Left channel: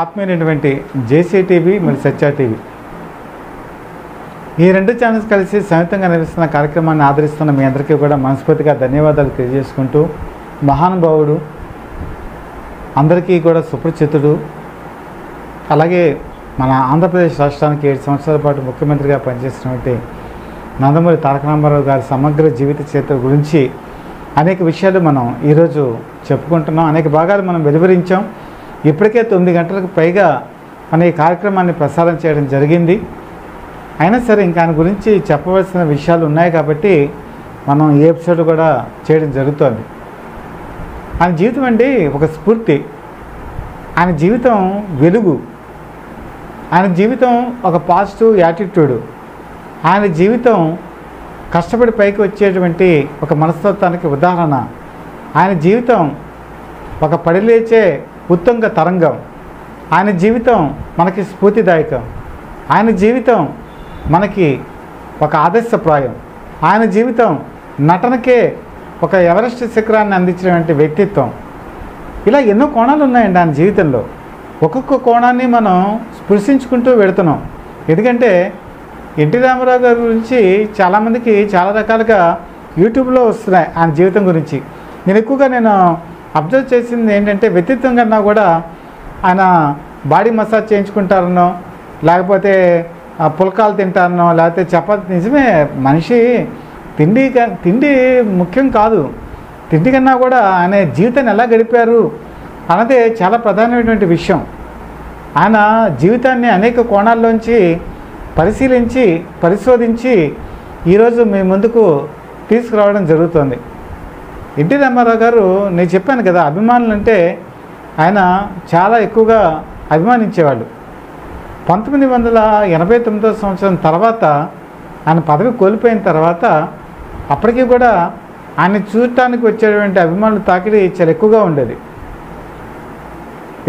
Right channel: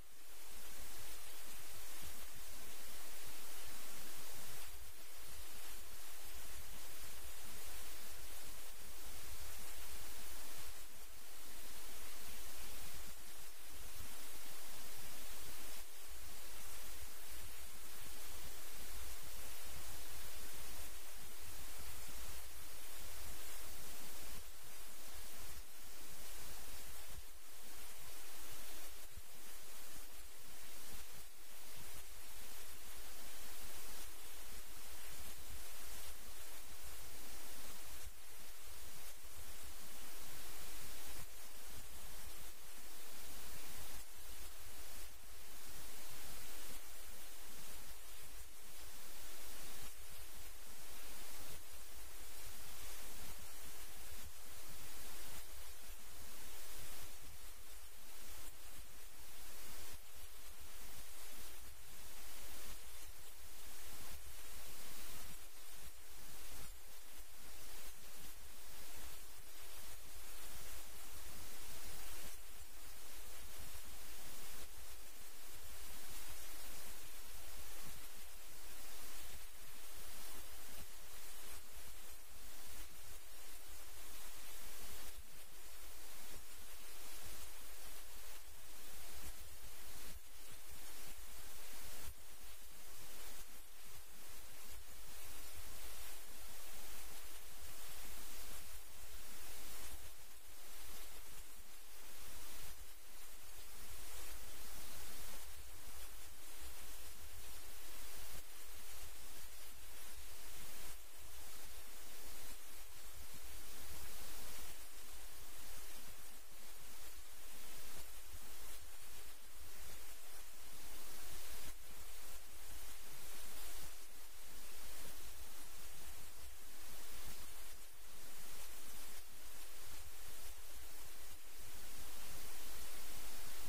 ఆత్మీయమైనటువంటి జేసీ TV మరియు సత్య TV ఈ రెండు ఛానల్స్ కలిసి సంయుక్తంగా నిర్వహిస్తున్న కార్యక్రమాన్ని ఆదరిస్తున్న మీ అందరికీ కూడా మనస్ఫూర్తిగా ధన్యవాదాలు తెలియజేసుకుంటూ, మహానుభావుడు, అందరికీ కూడా సుపరిచితుడు, అలాగే మన ఆంధ్రప్రదేశ్ రాష్ట్రానికి 7 సంవత్సరాల పాటు ముఖ్యమంత్రిగా పనిచేసినటువంటి నందమూరి తారక రామారావు గారి సమగ్ర జీవిత చరిత్ర గురించి అనేక విషయాలు మనం ఈరోజు చెప్పుకుంటున్నాం. అనేక భాగాలు మనం వెలువరించాం. ఇప్పటికే 9 గంటలకు పైగా మన ఈ కార్యక్రమాన్ని ప్రసారం చేయడం జరిగింది. అయినా సరే ఇంకా ఆయన గురించి చెప్పవలసిన విషయాలు ఉన్నాయి కాబట్టి మనం ఈ ఎపిసోడ్ కూడా చేయడం జరుగుతుంది. ఆయన జీవితం అండి ఒక స్ఫూర్తి, ఆయన జీవితం వెలుగు, ఆయన జీవితం ఒక పాజిటివ్ యాటిట్యూడు, ఆయన జీవితం కష్టపడి పైకి వచ్చేటువంటి ఒక మనస్తత్వానికి ఉదాహరణ, ఆయన జీవితం ఒక పడిలేచే ఉత్తుంగ తరంగం, ఆయన జీవితం మనకి స్ఫూర్తిదాయకం, ఆయన జీవితం మనకి ఒక ఆదర్శప్రాయం, ఆయన జీవితం నటనకే ఒక ఎవరెస్ట్ శిఖరాన్ని అందించినటువంటి వ్యక్తిత్వం. ఇలా ఎన్నో కోణాలు ఉన్నాయండి ఆయన జీవితంలో. ఒక్కొక్క కోణాన్ని మనం స్పృశించుకుంటూ వెళుతున్నాం. ఎందుకంటే ఎన్టీ రామారావు గారి గురించి చాలామందికి చాలా రకాలుగా యూట్యూబ్లో వస్తున్నాయి ఆయన జీవితం గురించి. నేను అబ్జర్వ్ చేసింది ఏంటంటే, వ్యక్తిత్వం కన్నా కూడా ఆయన బాడీ మసాజ్ చేయించుకుంటారనో, లేకపోతే పుల్కాలు తింటారనో, లేకపోతే చపాతి. నిజమే, మనిషి తిండి ముఖ్యం కాదు. తిండి కన్నా కూడా ఆయన జీవితాన్ని ఎలా గడిపారు అన్నదే చాలా ప్రధానమైనటువంటి విషయం. ఆయన జీవితాన్ని అనేక కోణాల్లోంచి పరిశీలించి పరిశోధించి ఈరోజు మీ ముందుకు తీసుకురావడం జరుగుతుంది. ఎన్టీ రామారావు గారు, నేను చెప్పాను కదా, అభిమానులు అంటే ఆయన చాలా ఎక్కువగా అభిమానించేవాళ్ళు. 1989 సంవత్సరం తర్వాత ఆయన పదవి కోల్పోయిన తర్వాత అప్పటికీ కూడా ఆయన చూడటానికి వచ్చేటువంటి అభిమానుల తాకిడి చాలా ఎక్కువగా ఉండేది.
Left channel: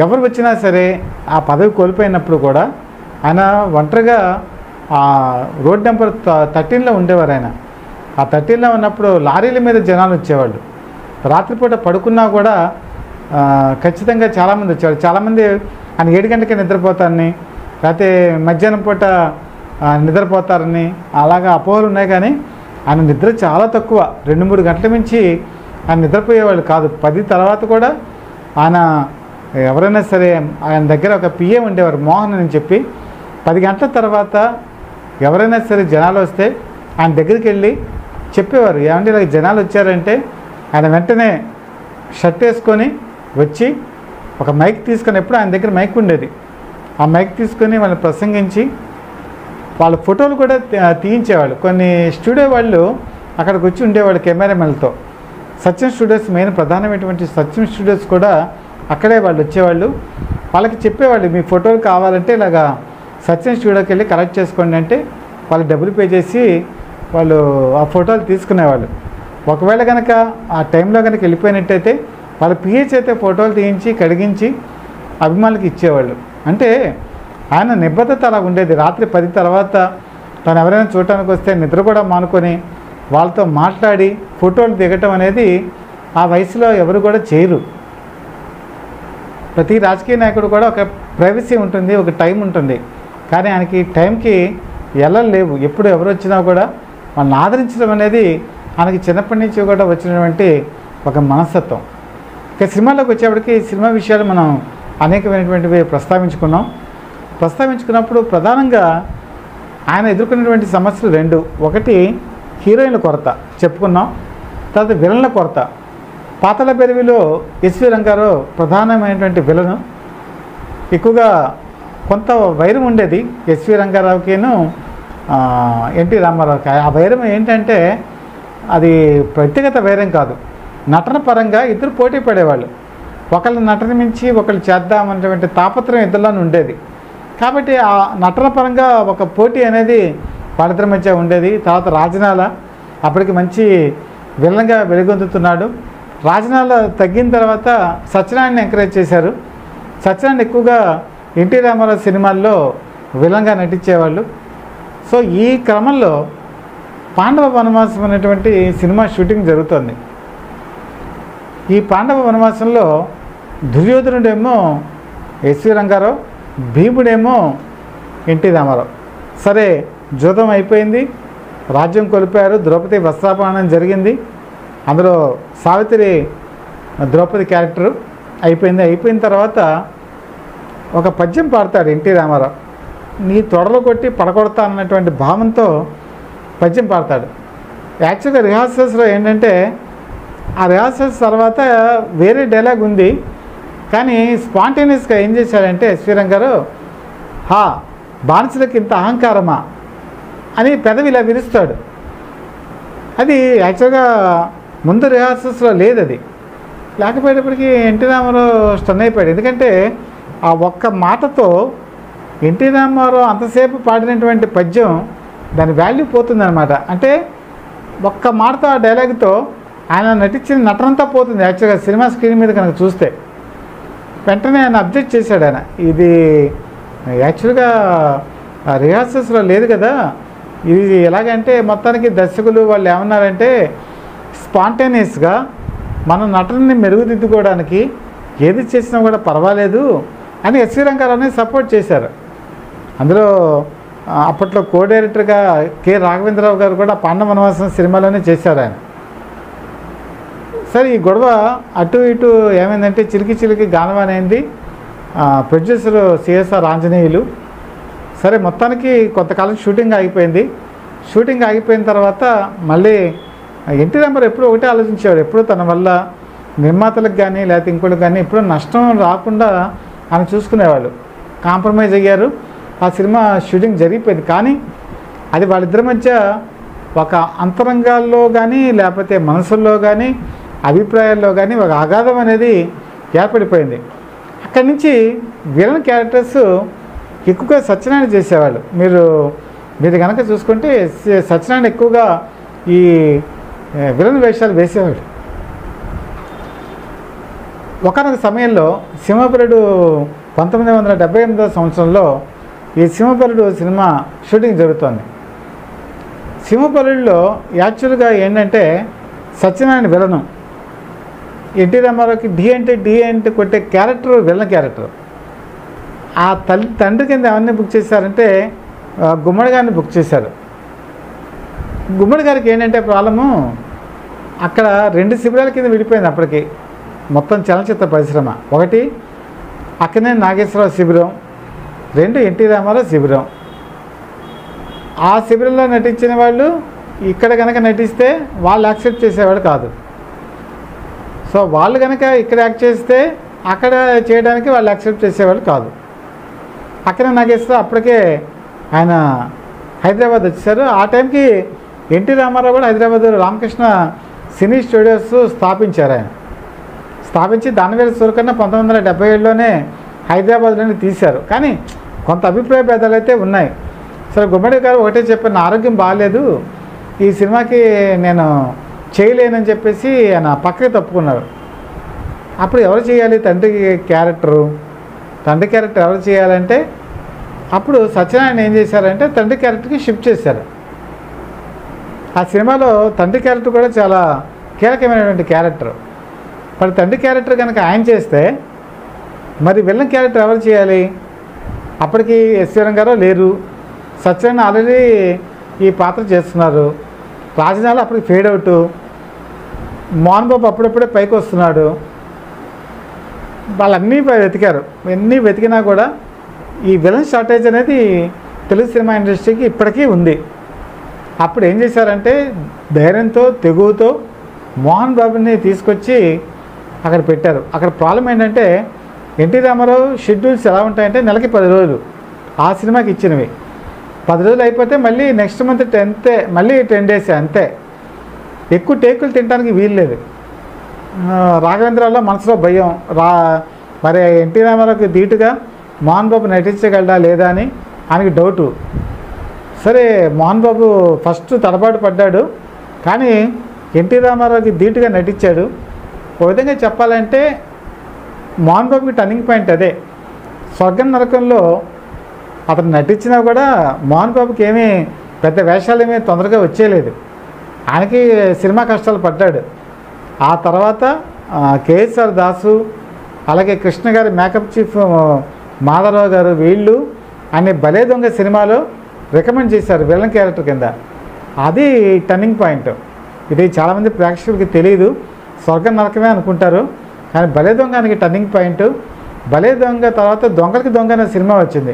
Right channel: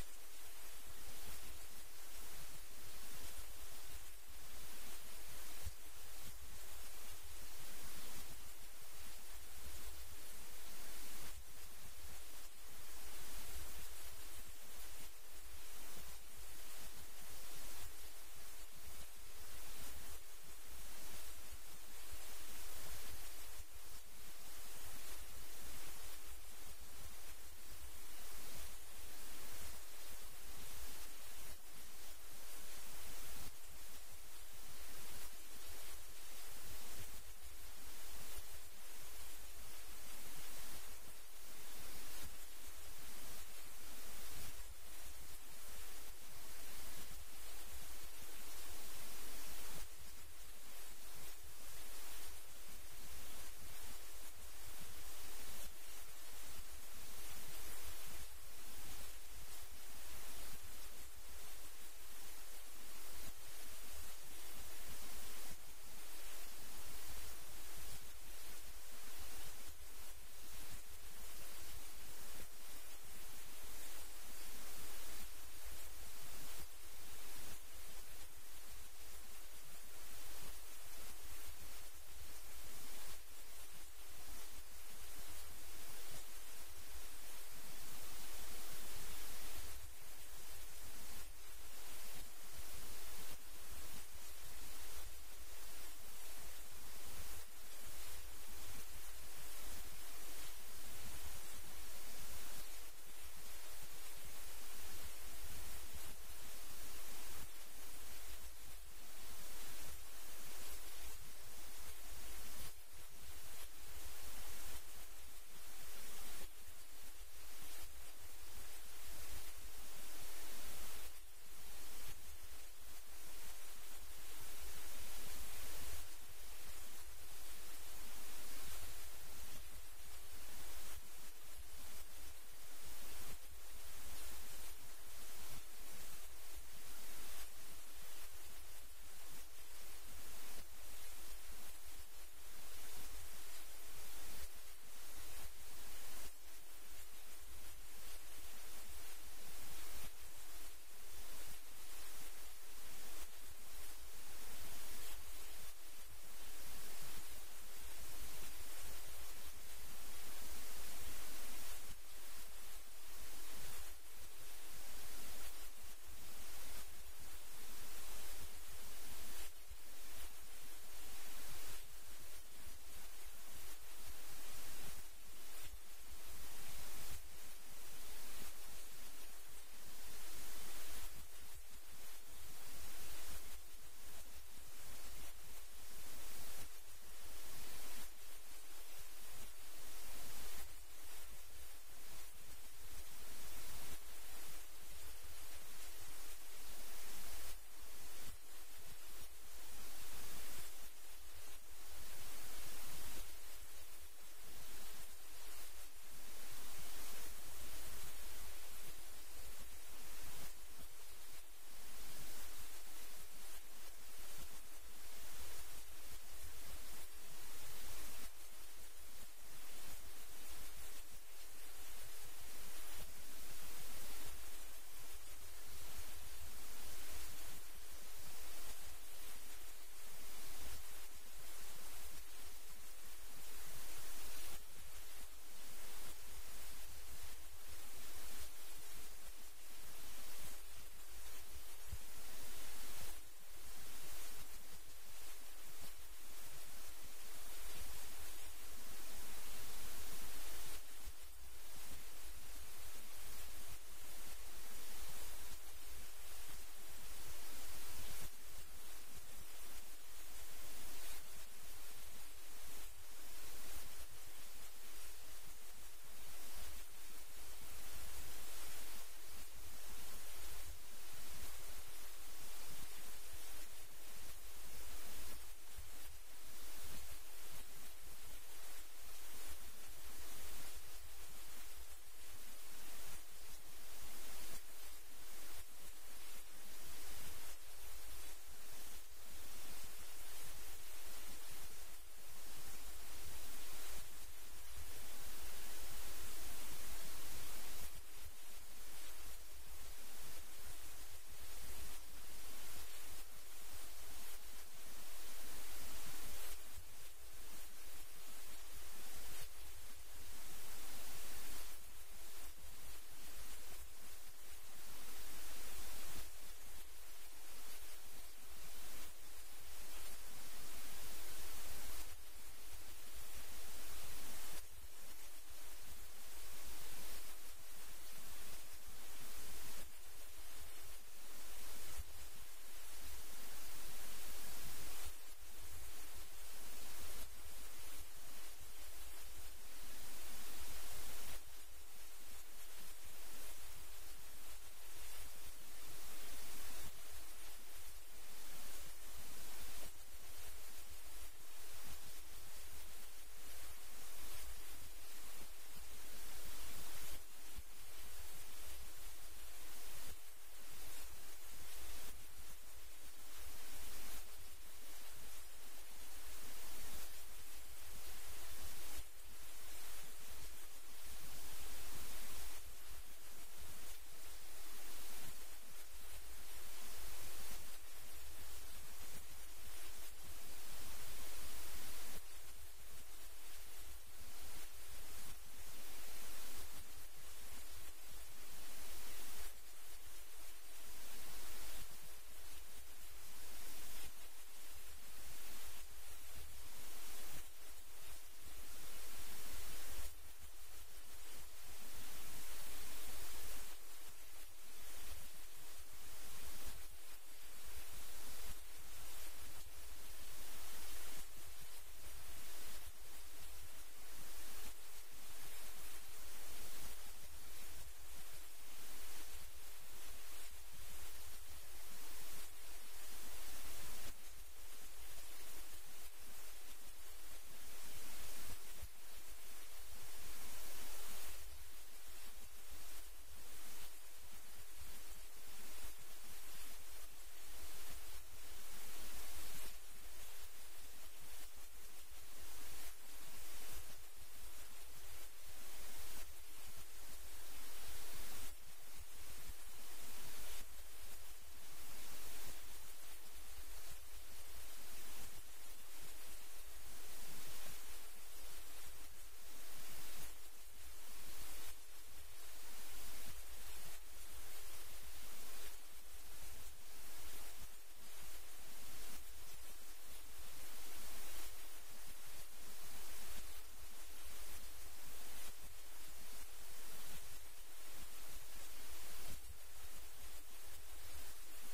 ఎవరు వచ్చినా సరే ఆ పదవి కోల్పోయినప్పుడు కూడా ఆయన ఒంటరిగా రోడ్ నెంబర్ 13లో ఉండేవారు. ఆయన ఆ 13లో ఉన్నప్పుడు లారీల మీద జనాలు వచ్చేవాళ్ళు. రాత్రిపూట పడుకున్నా కూడా ఖచ్చితంగా చాలామంది వచ్చేవాళ్ళు. చాలామంది ఆయన 7 గంటలకే నిద్రపోతారని, లేకపోతే మధ్యాహ్నం పూట నిద్రపోతారని అలాగా అపోహలు ఉన్నాయి. కానీ ఆయన నిద్ర చాలా తక్కువ. 2-3 గంటల మించి ఆయన నిద్రపోయేవాళ్ళు కాదు. 10 తర్వాత కూడా ఆయన ఎవరైనా సరే ఆయన దగ్గర ఒక పిఏ ఉండేవారు, మోహన్ అని చెప్పి. 10 గంటల తర్వాత ఎవరైనా సరే జనాలు వస్తే ఆయన దగ్గరికి వెళ్ళి చెప్పేవారు, ఏమంటే ఇలా జనాలు వచ్చారంటే ఆయన వెంటనే షర్ట్ వేసుకొని వచ్చి ఒక మైక్ తీసుకొని, ఎప్పుడు ఆయన దగ్గర మైక్ ఉండేది, ఆ మైక్ తీసుకొని వాళ్ళని ప్రసంగించి వాళ్ళ ఫోటోలు కూడా తీయించేవాళ్ళు. కొన్ని స్టూడియో వాళ్ళు అక్కడికి వచ్చి ఉండేవాళ్ళు కెమెరామెన్లతో. సత్యం స్టూడియోస్ మెయిన్ ప్రధానమైనటువంటి సత్యం స్టూడియోస్ కూడా అక్కడే వాళ్ళు వచ్చేవాళ్ళు. వాళ్ళకి చెప్పేవాళ్ళు, మీ ఫోటోలు కావాలంటే ఇలాగా సత్యం స్టూడియోకి వెళ్ళి కలెక్ట్ చేసుకోండి అంటే వాళ్ళు డబ్బులు పే చేసి వాళ్ళు ఆ ఫోటోలు తీసుకునేవాళ్ళు. ఒకవేళ కనుక ఆ టైంలో కనుక వెళ్ళిపోయినట్టయితే వాళ్ళ పిహెచ్ అయితే ఫోటోలు తీయించి కడిగించి అభిమానులకు ఇచ్చేవాళ్ళు. అంటే ఆయన నిబద్ధత అలా ఉండేది. రాత్రి 10 తర్వాత తను ఎవరైనా చూడటానికి వస్తే నిద్ర కూడా మానుకొని వాళ్ళతో మాట్లాడి ఫోటోలు దిగటం అనేది ఆ వయసులో ఎవరు కూడా చేయరు. ప్రతి రాజకీయ నాయకుడు కూడా ఒక ప్రైవసీ ఉంటుంది, ఒక టైం ఉంటుంది. కానీ ఆయనకి టైంకి ఎల్లలు లేవు. ఎప్పుడు ఎవరు వచ్చినా కూడా వాళ్ళని ఆదరించడం అనేది ఆయనకి చిన్నప్పటి నుంచి కూడా వచ్చినటువంటి ఒక మనస్తత్వం. ఇక సినిమాలోకి వచ్చేప్పటికి సినిమా విషయాలు మనం అనేకమైనటువంటివి ప్రస్తావించుకున్నప్పుడు ప్రధానంగా ఆయన ఎదుర్కొన్నటువంటి సమస్యలు 2. ఒకటి హీరోయిన్ల కొరత చెప్పుకున్నాం, తర్వాత విలన్ల కొరత. పాతాళ భైరవిలో ఎస్వి రంగారావు ప్రధానమైనటువంటి విలను. ఎక్కువగా కొంత వైరం ఉండేది ఎస్వి రంగారావుకిను ఎన్టీ రామారావుకి. ఆ వైరం ఏంటంటే అది వ్యక్తిగత వైరం కాదు, నటన పరంగా ఇద్దరు పోటీ పడేవాళ్ళు. ఒకళ్ళ నటన మించి ఒకళ్ళు చేద్దామన్నటువంటి తాపత్రయం ఇద్దరిలోనే ఉండేది. కాబట్టి ఆ నటన పరంగా ఒక పోటీ అనేది వాళ్ళిద్దరి మధ్య ఉండేది. తర్వాత రాజనాల అప్పటికి మంచి విలన్గా వెలుగొందుతున్నాడు. రాజనాల తగ్గిన తర్వాత సత్యనారాయణ ఎంకరేజ్ చేశారు. సత్యనారాయణ ఎక్కువగా ఎన్టీ రామారావు సినిమాల్లో విలన్గా నటించేవాళ్ళు. సో ఈ క్రమంలో పాండవ వనవాసం అనేటువంటి సినిమా షూటింగ్ జరుగుతుంది. ఈ పాండవ వనవాసంలో దుర్యోధనుడేమో ఎస్వి రంగారావు, భీముడేమో ఎన్టీ రామారావు. సరే, జూదం అయిపోయింది, రాజ్యం కోల్పోయారు, ద్రౌపది వస్త్రాపహరణం జరిగింది. అందులో సావిత్రి ద్రౌపది క్యారెక్టర్ అయిపోయింది. అయిపోయిన తర్వాత ఒక పద్యం పాడతాడు ఎన్టీ రామారావు. నీ తొడలు కొట్టి పడగొడతా అన్నటువంటి భావంతో పద్యం పాడతాడు. యాక్చువల్గా రిహార్సల్స్లో ఏంటంటే ఆ రిహార్సల్స్ తర్వాత వేరే డైలాగ్ ఉంది, కానీ స్పాంటేనియస్గా ఏం చేశాడంటే ఎస్వి రంగారావు, హా బానిసలకు ఇంత అహంకారమా అని పెదవి ఇలా విరుస్తాడు. అది యాక్చువల్గా ముందు రిహార్సల్స్లో లేదు. అది లేకపోయేటప్పటికీ ఎన్టీ రామారావు స్టన్ అయిపోయాడు. ఎందుకంటే ఆ ఒక్క మాటతో ఎన్టీ రామారావు అంతసేపు పాడినటువంటి పద్యం దాని వాల్యూ పోతుందన్నమాట. అంటే ఒక్క మాటతో ఆ డైలాగ్తో ఆయన నటించిన నటనంతా పోతుంది. యాక్చువల్గా సినిమా స్క్రీన్ మీద కనుక చూస్తే వెంటనే ఆయన అబ్జెక్ట్ చేశాడు. ఆయన ఇది యాక్చువల్గా రిహార్సల్స్లో లేదు కదా, ఇది ఎలాగంటే మొత్తానికి దర్శకులు వాళ్ళు ఏమన్నారంటే స్పాంటేనియస్గా మన నటనని మెరుగుదిద్దుకోవడానికి ఏది చేసినా కూడా పర్వాలేదు అని ఎస్వి రంగారావుని సపోర్ట్ చేశారు. అందులో అప్పట్లో కో డైరెక్టర్గా కె రాఘవేంద్రరావు గారు కూడా పాండవ వనవాసం సినిమాలోనే చేశారు ఆయన. సరే, ఈ గొడవ అటు ఇటు ఏమైందంటే చిలికి చిలికి గానవానైంది. Producer CSR Anjaneyulu. సరే, మొత్తానికి కొంతకాలం షూటింగ్ ఆగిపోయింది. షూటింగ్ ఆగిపోయిన తర్వాత మళ్ళీ ఎన్టీ రామారావు ఎప్పుడూ ఒకటే ఆలోచించేవాడు, ఎప్పుడు తన వల్ల నిర్మాతలకు కానీ లేకపోతే ఇంకోటికి కానీ ఎప్పుడూ నష్టం రాకుండా ఆయన చూసుకునేవాళ్ళు. కాంప్రమైజ్ అయ్యారు. ఆ సినిమా షూటింగ్ జరిగిపోయింది. కానీ అది వాళ్ళిద్దరి మధ్య ఒక అంతరంగాల్లో కానీ లేకపోతే మనసుల్లో కానీ అభిప్రాయాల్లో కానీ ఒక అగాధం అనేది ఏర్పడిపోయింది. అక్కడి నుంచి విలన్ క్యారెక్టర్స్ ఎక్కువగా సత్యనారాయణ చేసేవాళ్ళు. మీరు కనుక చూసుకుంటే సత్యనారాయణ ఎక్కువగా ఈ విలన్ వేషాలు వేసేవాడు. ఒకనొక సమయంలో సింహపురుడు 1978 సంవత్సరంలో ఈ సింహపురుడు సినిమా షూటింగ్ జరుగుతోంది. సింహపురుడులో యాక్చువల్గా ఏంటంటే సత్యనారాయణ విలను, ఎన్టీ రామారావుకి డి అంటే కొట్టే క్యారెక్టర్ విలన్ క్యారెక్టర్. ఆ తండ్రి కింద ఎవరిని బుక్ చేశారంటే గుమ్మడి గారిని బుక్ చేశారు. గుమ్మడి గారికి ఏంటంటే ప్రాబ్లము, అక్కడ 2 శిబిరాల కింద విడిపోయింది అప్పటికి మొత్తం చలనచిత్ర పరిశ్రమ. ఒకటి అక్కినేని నాగేశ్వరరావు శిబిరం, 2 ఎన్టీ రామారావు శిబిరం. ఆ శిబిరంలో నటించిన వాళ్ళు ఇక్కడ కనుక నటిస్తే వాళ్ళు యాక్సెప్ట్ చేసేవాడు కాదు. సో వాళ్ళు కనుక ఇక్కడ యాక్ట్ చేస్తే అక్కడ చేయడానికి వాళ్ళు యాక్సెప్ట్ చేసేవాళ్ళు కాదు. అక్కినేని నాగేశ్వరరావు అప్పటికే ఆయన హైదరాబాద్ వచ్చేసారు. ఆ టైంకి ఎన్టీ రామారావు కూడా హైదరాబాద్ రామకృష్ణ సినీ స్టూడియోస్ స్థాపించారు. ఆయన స్థాపించి దానివేల సూరకన్న 1977లోనే హైదరాబాద్లోనే తీశారు. కానీ కొంత అభిప్రాయ భేదాలు అయితే ఉన్నాయి. సరే, గుమ్మడి గారు ఒకటే చెప్పారు, నా ఆరోగ్యం బాగాలేదు, ఈ సినిమాకి నేను చేయలేనని చెప్పేసి ఆయన పక్కకి తప్పుకున్నారు. అప్పుడు ఎవరు చేయాలి తండ్రి క్యారెక్టర్ ఎవరు చేయాలంటే అప్పుడు సత్యనారాయణ ఏం చేశారంటే తండ్రి క్యారెక్టర్కి షిఫ్ట్ చేశారు. ఆ సినిమాలో తండ్రి క్యారెక్టర్ కూడా చాలా కీలకమైనటువంటి క్యారెక్టర్. మరి తండ్రి క్యారెక్టర్ కనుక ఆయన చేస్తే మరి విలన్ క్యారెక్టర్ ఎవరు చేయాలి? అప్పటికి ఎస్వి రంగారావు లేరు, సత్యనారాయణ ఆల్రెడీ ఈ పాత్ర చేస్తున్నారు, రాజనాలు అప్పటికి ఫేడ్ అవుట్, మోహన్ బాబు అప్పుడప్పుడే పైకి వస్తున్నాడు. వాళ్ళన్నీ వెతికారు. ఎన్ని వెతికినా కూడా ఈ విలన్ షార్టేజ్ అనేది తెలుగు సినిమా ఇండస్ట్రీకి ఇప్పటికీ ఉంది. అప్పుడు ఏం చేశారంటే ధైర్యంతో తెగువతో మోహన్ బాబుని తీసుకొచ్చి అక్కడ పెట్టారు. అక్కడ ప్రాబ్లం ఏంటంటే ఎన్టీ రామారావు షెడ్యూల్స్ ఎలా ఉంటాయంటే నెలకి 10 రోజులు ఆ సినిమాకి ఇచ్చినవి. 10 రోజులు అయిపోతే మళ్ళీ నెక్స్ట్ మంత్ 10th మళ్ళీ 10 days అంతే. ఎక్కువ టేకులు తినడానికి వీలు లేదు. రాఘవేంద్రరావులో మనసులో భయం, మరి ఎన్టీ రామారావుకి ధీటుగా మోహన్ బాబు నటించగలడా లేదా అని ఆయనకి డౌటు. సరే, మోహన్ బాబు ఫస్ట్ తడబాటు పడ్డాడు, కానీ ఎన్టీ రామారావుకి ధీటుగా నటించాడు. ఒక విధంగా చెప్పాలంటే మోహన్ బాబుకి టర్నింగ్ పాయింట్ అదే. స్వర్గం నరకంలో అతను నటించినా కూడా మోహన్ బాబుకి ఏమీ పెద్ద వేషాలు ఏమీ తొందరగా వచ్చేయలేదు. ఆయనకి సినిమా కష్టాలు పడ్డాడు. ఆ తర్వాత కేఎస్ఆర్ దాసు, అలాగే కృష్ణ గారి మేకప్ చీఫ్ మాధవరావు గారు, వీళ్ళు అనే భలే దొంగ సినిమాలో రికమెండ్ చేశారు విలన్ క్యారెక్టర్ కింద. అది టర్నింగ్ పాయింట్. ఇది చాలామంది ప్రేక్షకులకి తెలియదు, స్వర్గం నరకమే అనుకుంటారు. కానీ భలే దొంగ అనేది టర్నింగ్ పాయింట్. భలే దొంగ తర్వాత దొంగలకి దొంగ అనే సినిమా వచ్చింది.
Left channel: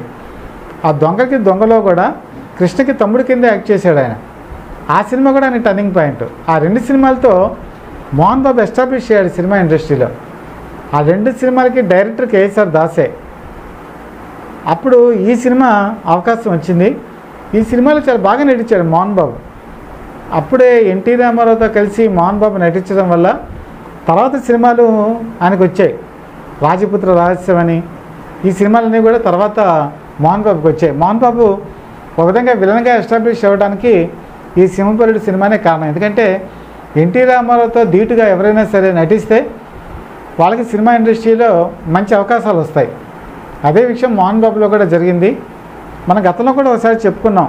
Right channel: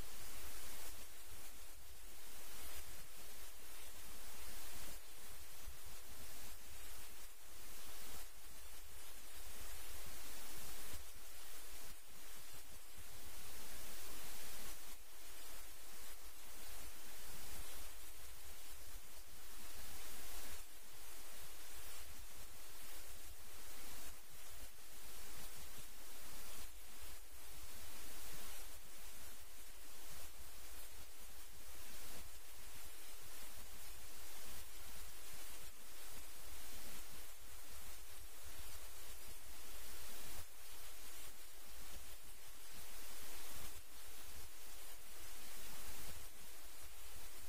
ఆ దొంగలకి దొంగలో కూడా కృష్ణకి తమ్ముడి కింద యాక్ట్ చేశాడు ఆయన. ఆ సినిమా కూడా ఆయన టర్నింగ్ పాయింట్. ఆ 2 సినిమాలతో మోహన్ బాబు ఎస్టాబ్లిష్ అయ్యాడు సినిమా ఇండస్ట్రీలో. ఆ 2 సినిమాలకి డైరెక్టర్ కేఎస్ఆర్ దాసే. అప్పుడు ఈ సినిమా అవకాశం వచ్చింది. ఈ సినిమాలో చాలా బాగా నటించాడు మోహన్ బాబు. అప్పుడే ఎన్టీ రామారావుతో కలిసి మోహన్ బాబు నటించడం వల్ల తర్వాత సినిమాలు ఆయనకు వచ్చాయి. రాజపుత్ర రహస్యం అని ఈ సినిమాలన్నీ కూడా తర్వాత మోహన్ బాబుకి వచ్చాయి. మోహన్ బాబు ఒక విధంగా విలన్గా ఎస్టాబ్లిష్ అవ్వడానికి ఈ సింహపురుడు సినిమానే కారణం. ఎందుకంటే ఎన్టీ రామారావుతో ధీటుగా ఎవరైనా సరే నటిస్తే వాళ్ళకి సినిమా ఇండస్ట్రీలో మంచి అవకాశాలు వస్తాయి. అదే విషయం మోహన్ బాబులో కూడా జరిగింది. మన గతంలో కూడా ఒకసారి చెప్పుకున్నాం,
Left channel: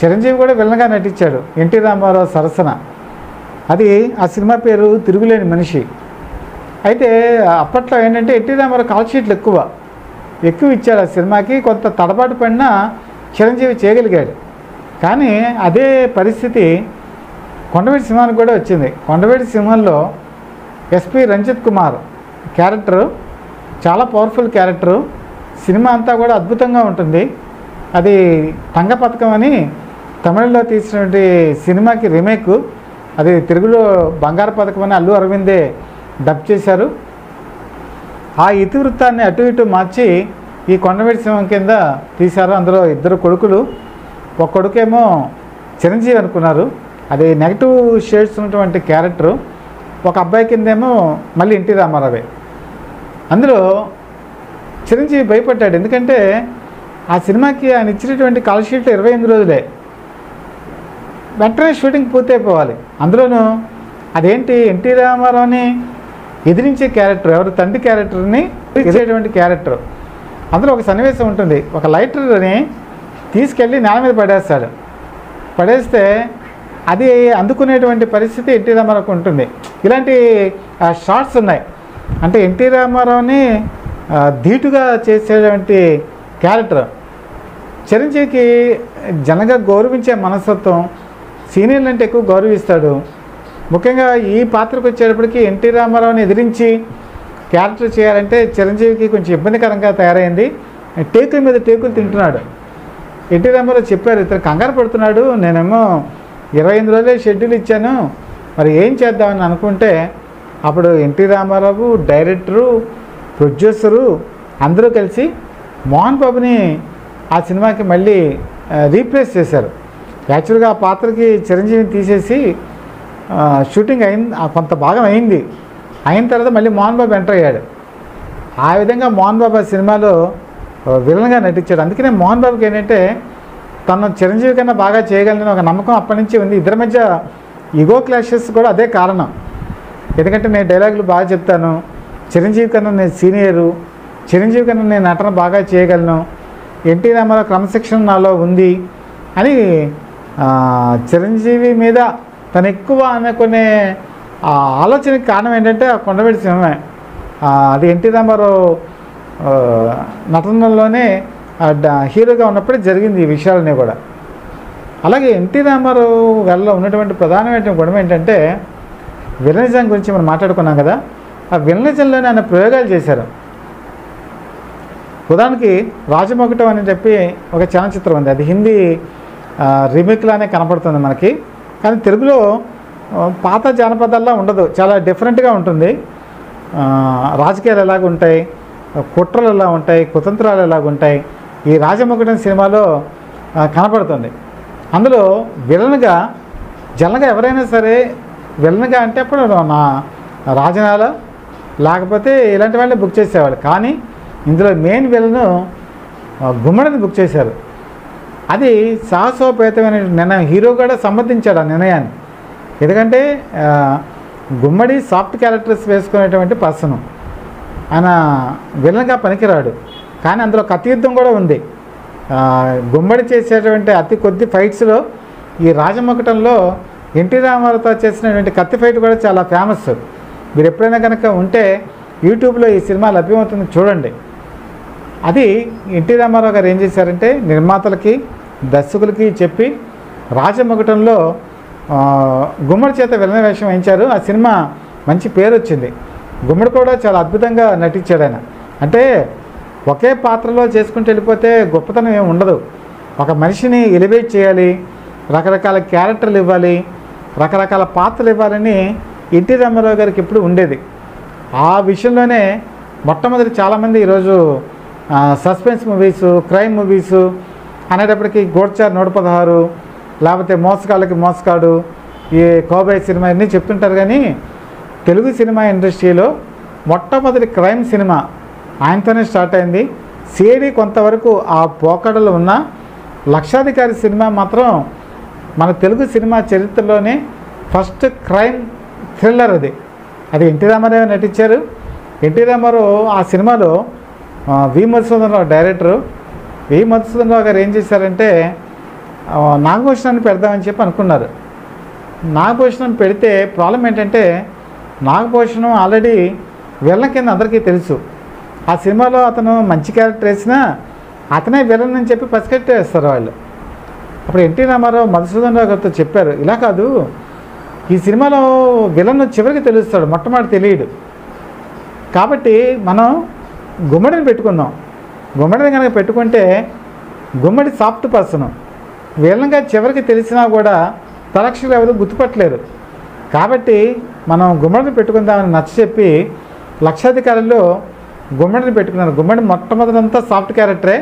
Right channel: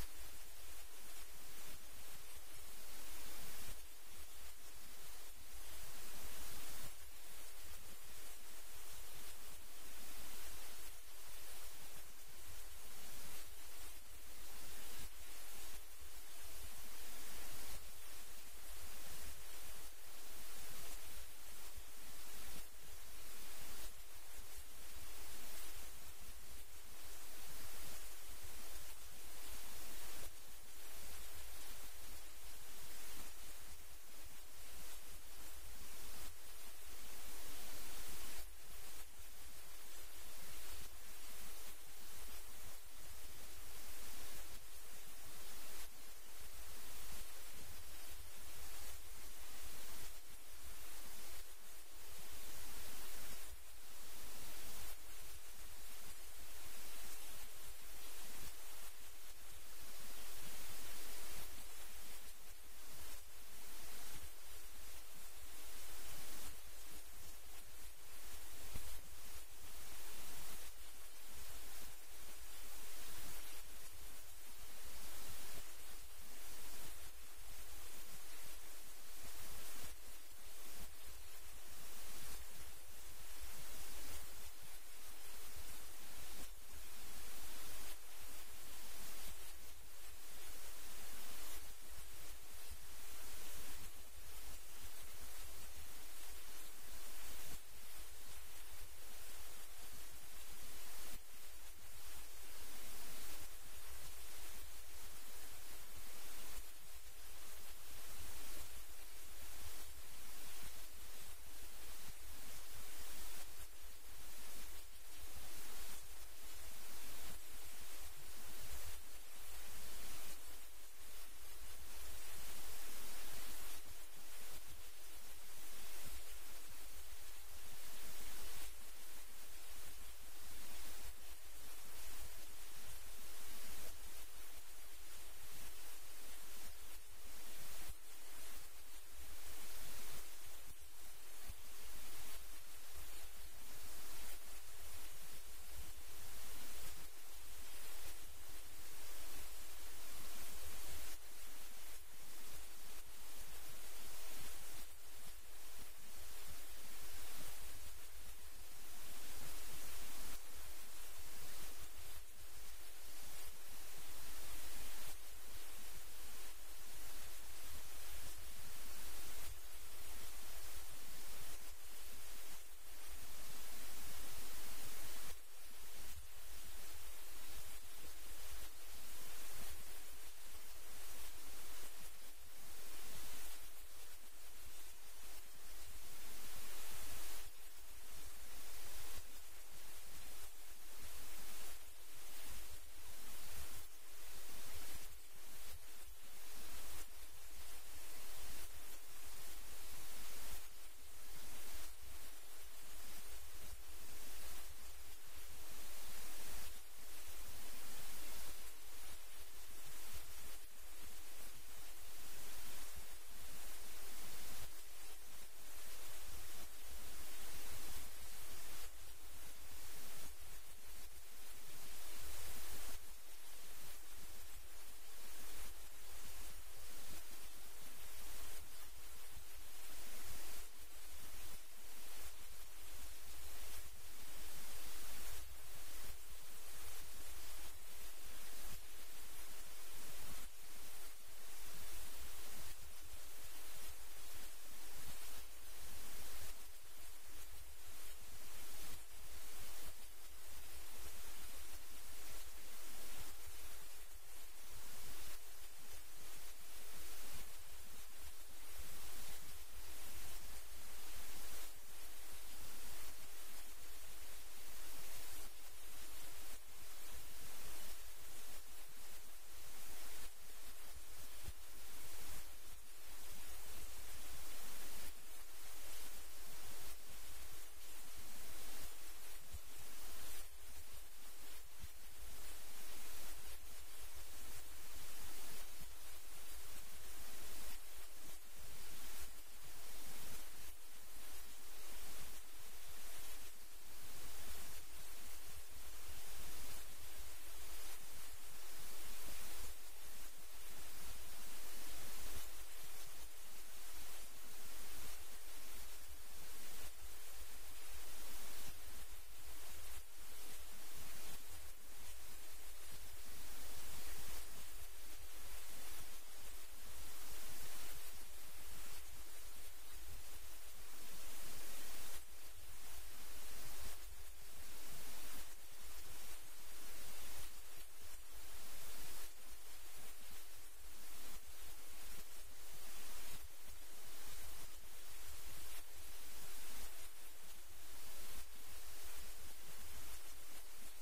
చిరంజీవి కూడా విలన్గా నటించాడు ఎన్టీ రామారావు సరసన. అది ఆ సినిమా పేరు తిరుగులేని మనిషి. అయితే అప్పట్లో ఏంటంటే ఎన్టీ రామారావు కాల్ షీట్లు ఎక్కువ ఇచ్చాడు ఆ సినిమాకి. కొంత తడబాటు పడినా చిరంజీవి చేయగలిగాడు. కానీ అదే పరిస్థితి కొండవీటి సింహానికి కూడా వచ్చింది. కొండవీటి సింహంలో ఎస్పి రంజిత్ కుమార్ క్యారెక్టరు చాలా పవర్ఫుల్ క్యారెక్టరు. సినిమా అంతా కూడా అద్భుతంగా ఉంటుంది. అది తంగ పథకం అని తమిళలో తీసినటువంటి సినిమాకి రీమేక్. అది తెలుగులో బంగారు పథకం అని అల్లు అరవిందే డబ్ చేశారు. ఆ ఇతివృత్తాన్ని అటు ఇటు మార్చి ఈ కొండవీటి సింహం కింద తీశారు. అందులో 2 కొడుకులు. ఒక కొడుకేమో చిరంజీవి అనుకున్నారు, అది నెగటివ్ షేడ్స్ ఉన్నటువంటి క్యారెక్టరు. ఒక అబ్బాయి కిందేమో మళ్ళీ ఎన్టీ రామారావే. అందులో చిరంజీవి భయపడ్డాడు. ఎందుకంటే ఆ సినిమాకి ఆయన ఇచ్చినటువంటి కాల్ షీట్లు 28 రోజులే. వెంటనే షూటింగ్ పూర్తయిపోవాలి. అందులోనూ అదేంటి ఎన్టీ రామారావుని ఎదిరించే క్యారెక్టర్, ఎవరు తండ్రి క్యారెక్టర్ని ఎదిరించేటువంటి క్యారెక్టర్. అందులో ఒక సన్నివేశం ఉంటుంది, ఒక లైటర్ని తీసుకెళ్ళి నేల మీద పడేస్తే అది అందుకునేటువంటి పరిస్థితి ఎన్టీ రామారావుకు ఉంటుంది. ఇలాంటి షార్ట్స్ ఉన్నాయి. అంటే ఎన్టీ రామారావుని ధీటుగా చేసేటువంటి క్యారెక్టర్. చిరంజీవికి జనంగా గౌరవించే మనస్తత్వం, సీనియర్లు అంటే ఎక్కువ గౌరవిస్తాడు. ముఖ్యంగా ఈ పాత్రకు వచ్చేటప్పటికి ఎన్టీ రామారావుని ఎదిరించి క్యారెక్టర్ చేయాలంటే చిరంజీవికి కొంచెం ఇబ్బందికరంగా తయారైంది. టేకుల మీద టేకులు తింటున్నాడు. ఎన్టీ రామారావు చెప్పారు, ఇతను కంగారు పడుతున్నాడు, నేనేమో 28 రోజులే షెడ్యూల్ ఇచ్చాను, మరి ఏం చేద్దామని అనుకుంటే అప్పుడు ఎన్టీ రామారావు, డైరెక్టరు, ప్రొడ్యూసరు అందరూ కలిసి మోహన్ బాబుని ఆ సినిమాకి మళ్ళీ రీప్లేస్ చేశారు. యాక్చువల్గా ఆ పాత్రకి చిరంజీవిని తీసేసి షూటింగ్ అయింది, కొంత భాగం అయింది. అయిన తర్వాత మళ్ళీ మోహన్ బాబు ఎంటర్ అయ్యాడు. ఆ విధంగా మోహన్ బాబు ఆ సినిమాలో విలన్గా నటించాడు. అందుకనే మోహన్ బాబుకి ఏంటంటే తను చిరంజీవి కన్నా బాగా చేయగలని ఒక నమ్మకం అప్పటి నుంచి ఉంది. ఇద్దరి మధ్య ఈగో క్లాషెస్ కూడా అదే కారణం. ఎందుకంటే నేను డైలాగులు బాగా చెప్తాను, చిరంజీవి కన్నా నేను సీనియరు, చిరంజీవి కన్నా నేను నటన బాగా చేయగలను, ఎన్టీ రామారావు క్రమశిక్షణ నాలో ఉంది అని చిరంజీవి మీద తను ఎక్కువ అనుకునే ఆలోచనకి కారణం ఏంటంటే ఆ కొండవీటి సింహమే. అది ఎన్టీ రామారావు నటనలోనే హీరోగా ఉన్నప్పుడే జరిగింది ఈ విషయాలన్నీ కూడా. అలాగే ఎన్టీ రామారావు గారిలో ఉన్నటువంటి ప్రధానమైన గుణం ఏంటంటే విలనిజం గురించి మనం మాట్లాడుకున్నాం కదా. ఆ విలనిజంలోనే ఆయన ప్రయోగాలు చేశారు. ఉదాహరణకి రాజమొకటం అని చెప్పి ఒక చలనచిత్రం ఉంది. అది హిందీ రీమేక్లానే కనపడుతుంది మనకి. కానీ తెలుగులో పాత జానపదాల్లో ఉండదు, చాలా డిఫరెంట్గా ఉంటుంది. రాజకీయాలు ఎలాగ ఉంటాయి, కుట్రలు ఎలా ఉంటాయి, కుతంత్రాలు ఎలాగ ఉంటాయి, ఈ రాజమొకటం సినిమాలో కనపడుతుంది. అందులో విలన్గా జనరల్గా ఎవరైనా సరే విలన్గా అంటే అప్పుడు నా రాజనాల లేకపోతే ఇలాంటి వాళ్ళే బుక్ చేసేవాళ్ళు. కానీ ఇందులో మెయిన్ విలను గుమ్మడిని బుక్ చేశారు. అది సాహసోపేతమైన నిర్ణయం. హీరో కూడా సమర్థించాడు ఆ నిర్ణయాన్ని. ఎందుకంటే గుమ్మడి సాఫ్ట్ క్యారెక్టర్స్ వేసుకునేటువంటి పర్సన్, ఆయన విలన్గా పనికిరాడు. కానీ అందులో కత్తి యుద్ధం కూడా ఉంది. గుమ్మడి చేసేటువంటి అతి కొద్ది ఫైట్స్లో ఈ రాజమొకటంలో ఎన్టీ రామారావుతో చేసినటువంటి కత్తి ఫైట్ కూడా చాలా ఫేమస్. మీరు ఎప్పుడైనా కనుక ఉంటే యూట్యూబ్లో ఈ సినిమా లభ్యమవుతుంది, చూడండి. అది ఎన్టీ రామారావు గారు ఏం చేశారంటే నిర్మాతలకి దర్శకులకి చెప్పి రాజమకుటంలో గుమ్మడి చేత విలన వేషం వేయించారు. ఆ సినిమా మంచి పేరు వచ్చింది. గుమ్మడి కూడా చాలా అద్భుతంగా నటించాడు ఆయన. అంటే ఒకే పాత్రలో చేసుకుంటూ వెళ్ళిపోతే గొప్పతనం ఏమి ఉండదు. ఒక మనిషిని ఎలివేట్ చేయాలి, రకరకాల క్యారెక్టర్లు ఇవ్వాలి, రకరకాల పాత్రలు ఇవ్వాలని ఎన్టీ రామారావు గారికి ఎప్పుడు ఉండేది. ఆ విషయంలోనే మొట్టమొదటి చాలామంది ఈరోజు సస్పెన్స్ మూవీస్, క్రైమ్ మూవీస్ అనేటప్పటికీ గోడ్చార్ 116, లేకపోతే మోసగాళ్ళకి మోసగాడు, ఈ కోబాయ్ సినిమా అన్నీ చెప్తుంటారు. కానీ తెలుగు సినిమా ఇండస్ట్రీలో మొట్టమొదటి క్రైమ్ సినిమా ఆయనతోనే స్టార్ట్ అయింది. సిఐడి కొంతవరకు ఆ పోకడలు ఉన్న లక్షాధికారి సినిమా మాత్రం మన తెలుగు సినిమా చరిత్రలోనే ఫస్ట్ క్రైమ్ థ్రిల్లర్. అది ఎన్టీ రామారావు నటించారు. ఎన్టీ రామారావు ఆ సినిమాలో వి మధుసూదనరావు డైరెక్టరు. వి మధుసూదనరావు గారు ఏం చేశారంటే నాగభూషణాన్ని పెడదామని చెప్పి అనుకున్నారు. నాగభూషణం పెడితే ప్రాబ్లం ఏంటంటే నాగభూషణం ఆల్రెడీ విలన్ కింద అందరికీ తెలుసు. ఆ సినిమాలో అతను మంచి క్యారెక్టర్ వేసినా అతనే విలన్ అని చెప్పి పసిగట్టేస్తారు వాళ్ళు. అప్పుడు ఎన్టీ రామారావు మధుసూదనరావు గారితో చెప్పారు, ఇలా కాదు, ఈ సినిమాలో విలన్ చివరికి తెలుస్తాడు, మొట్టమొదటి తెలియడు. కాబట్టి మనం గుమ్మడిని పెట్టుకుందాం. గుమ్మడిని కనుక పెట్టుకుంటే గుమ్మడి సాఫ్ట్ పర్సన్, విలన్గా చివరికి తెలిసినా కూడా తలక్షలు ఎవరు గుర్తుపట్టలేరు. కాబట్టి మనం గుమ్మడిని పెట్టుకుందామని నచ్చ చెప్పి లక్షాధికారుల్లో గుమ్మడిని పెట్టుకున్నారు. గుమ్మడి మొట్టమొదటంతా సాఫ్ట్ క్యారెక్టరే,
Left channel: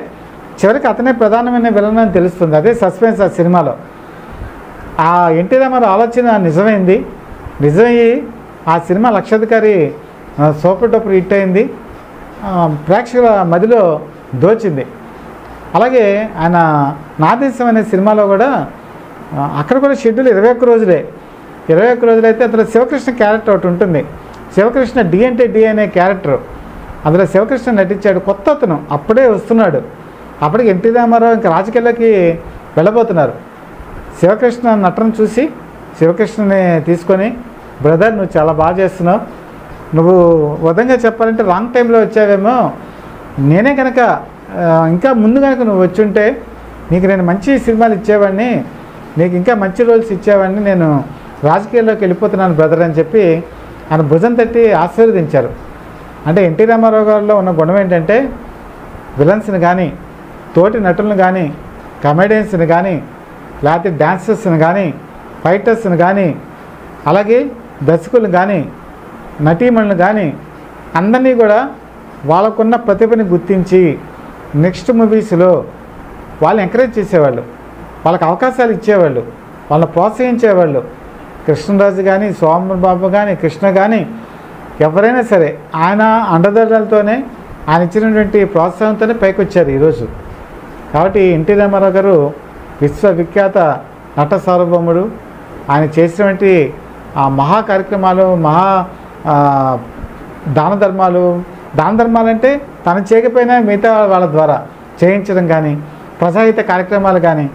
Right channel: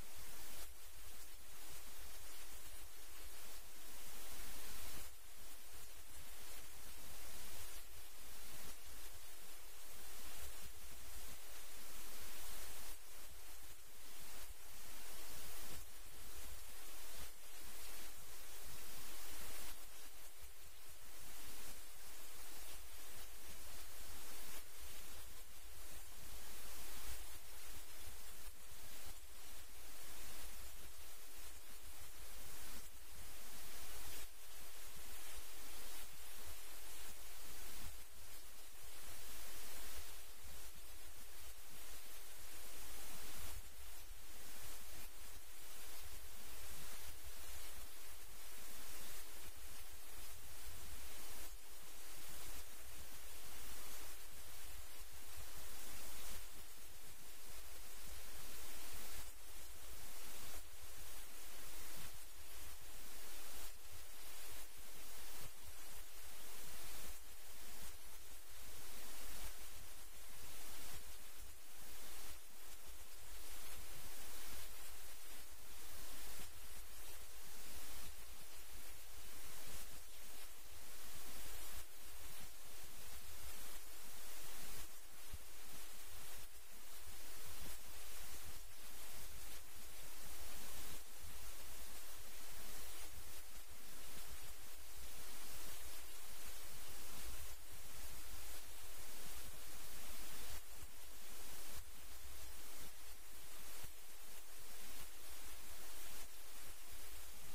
చివరికి అతనే ప్రధానమైన విలన్ అని తెలుస్తుంది. అదే సస్పెన్స్ ఆ సినిమాలో. ఆ ఎన్టీ రామారావు ఆలోచన నిజమైంది. నిజమయ్యి ఆ సినిమా లక్షాధికారి సూపర్ డూపర్ హిట్ అయింది, ప్రేక్షకుల మదిలో దోచింది. అలాగే ఆయన నా దేశం అనే సినిమాలో కూడా అక్కడ కూడా షెడ్యూల్ 21 రోజులే. 21 రోజులు అయితే అందులో శివకృష్ణ క్యారెక్టర్ ఒకటి ఉంటుంది. శివకృష్ణ డి అంటే డి అనే క్యారెక్టర్, అందులో శివకృష్ణ నటించాడు. కొత్త అతను అప్పుడే వస్తున్నాడు. అప్పటికి ఎన్టీ రామారావు ఇంకా రాజకీయాల్లోకి వెళ్ళబోతున్నారు. శివకృష్ణ నటన చూసి శివకృష్ణని తీసుకొని, బ్రదర్ నువ్వు చాలా బాగా చేస్తున్నావు, నువ్వు విధంగా చెప్పాలంటే రాంగ్ టైంలో వచ్చావేమో, నేనే కనుక ఇంకా ముందు కనుక నువ్వు వచ్చుంటే నీకు నేను మంచి సినిమాలు ఇచ్చేవాడిని, నీకు ఇంకా మంచి రోల్స్ ఇచ్చేవాడిని, నేను రాజకీయాల్లోకి వెళ్ళిపోతున్నాను బ్రదర్ అని చెప్పి ఆయన భుజం తట్టి ఆశీర్వదించారు. అంటే ఎన్టీ రామారావు గారిలో ఉన్న గుణం ఏంటంటే విలన్స్ని కానీ, తోటి నటులను కానీ, కమెడియన్స్ని కానీ, లేకపోతే డాన్సర్స్ని కానీ, ఫైటర్స్ని కానీ, అలాగే దర్శకులను కానీ, నటీమణులను కానీ అందరినీ కూడా వాళ్ళకున్న ప్రతిభని గుర్తించి నెక్స్ట్ మూవీస్లో వాళ్ళని ఎంకరేజ్ చేసేవాళ్ళు, వాళ్ళకి అవకాశాలు ఇచ్చేవాళ్ళు, వాళ్ళని ప్రోత్సహించేవాళ్ళు. కృష్ణరాజు కానీ, సోమబాబు కానీ, కృష్ణ కానీ ఎవరైనా సరే ఆయన అండదండలతోనే, ఆయన ఇచ్చినటువంటి ప్రోత్సాహంతోనే పైకి వచ్చారు ఈరోజు. కాబట్టి ఎన్టీ రామారావు గారు విశ్వవిఖ్యాత నట సార్వభౌముడు. ఆయన చేసినటువంటి ఆ మహా కార్యక్రమాలు, మహా దాన ధర్మాలు అంటే తను చేయకపోయినా మిగతా వాళ్ళ ద్వారా చేయించడం కానీ, ప్రజాహిత కార్యక్రమాలు కానీ,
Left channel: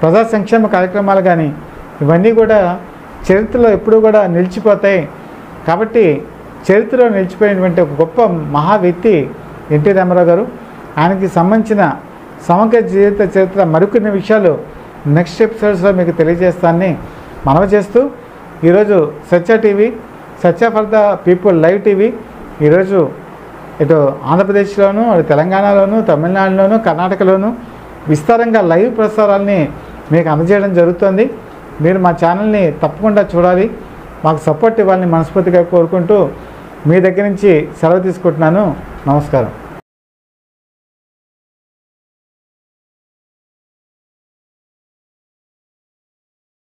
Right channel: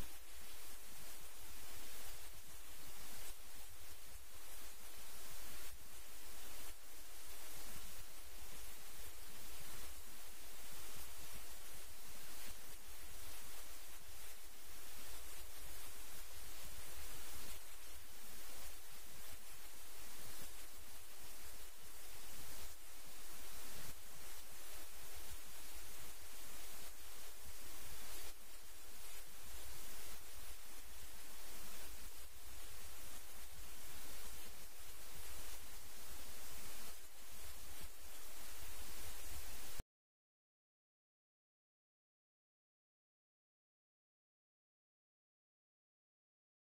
ప్రజా సంక్షేమ కార్యక్రమాలు కానీ, ఇవన్నీ కూడా చరిత్రలో ఎప్పుడూ కూడా నిలిచిపోతాయి. కాబట్టి చరిత్రలో నిలిచిపోయినటువంటి ఒక గొప్ప మహా వ్యక్తి ఎన్టీ రామారావు గారు. ఆయనకి సంబంధించిన సమగ్ర జీవిత చరిత్ర మరికొన్ని విషయాలు నెక్స్ట్ ఎపిసోడ్స్లో మీకు తెలియజేస్తానని మనవి చేస్తూ, ఈరోజు Satya TV, Satya for the people live TV ఈరోజు ఇటు ఆంధ్రప్రదేశ్లోను, అటు తెలంగాణలోను, తమిళనాడులోను, కర్ణాటకలోను విస్తారంగా లైవ్ ప్రసారాలని మీకు అందజేయడం జరుగుతుంది. మీరు మా ఛానల్ని తప్పకుండా చూడాలి, మాకు సపోర్ట్ ఇవ్వాలని మనస్ఫూర్తిగా కోరుకుంటూ మీ దగ్గర నుంచి సెలవు తీసుకుంటున్నాను. నమస్కారం.